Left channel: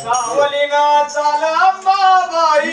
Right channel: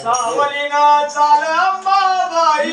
सावली ना चाल Babai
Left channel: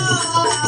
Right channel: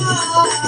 Oh,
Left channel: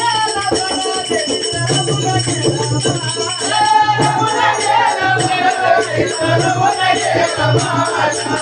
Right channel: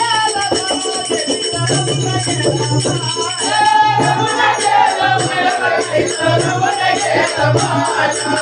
Bye.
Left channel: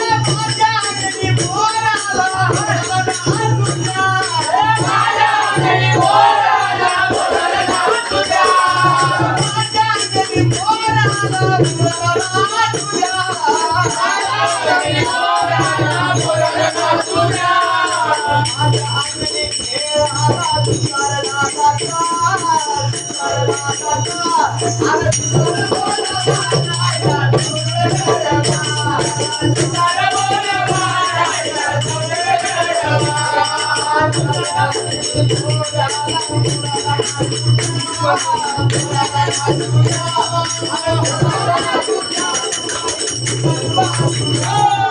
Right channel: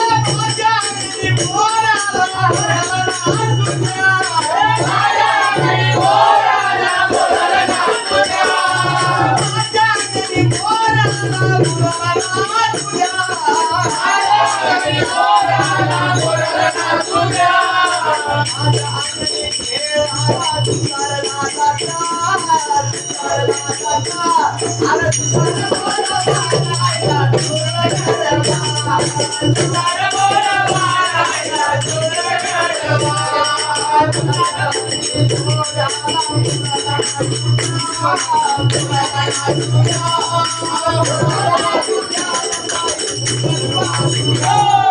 Oh!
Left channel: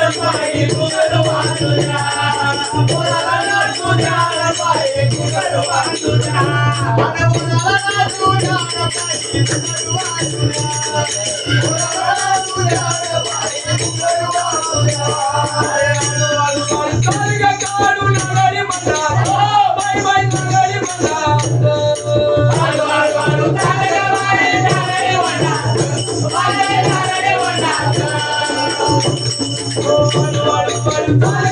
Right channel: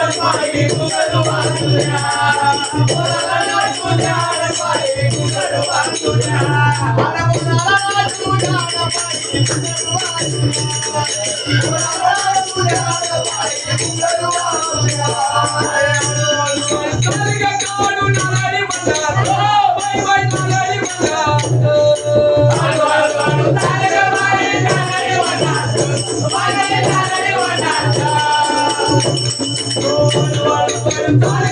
Bye.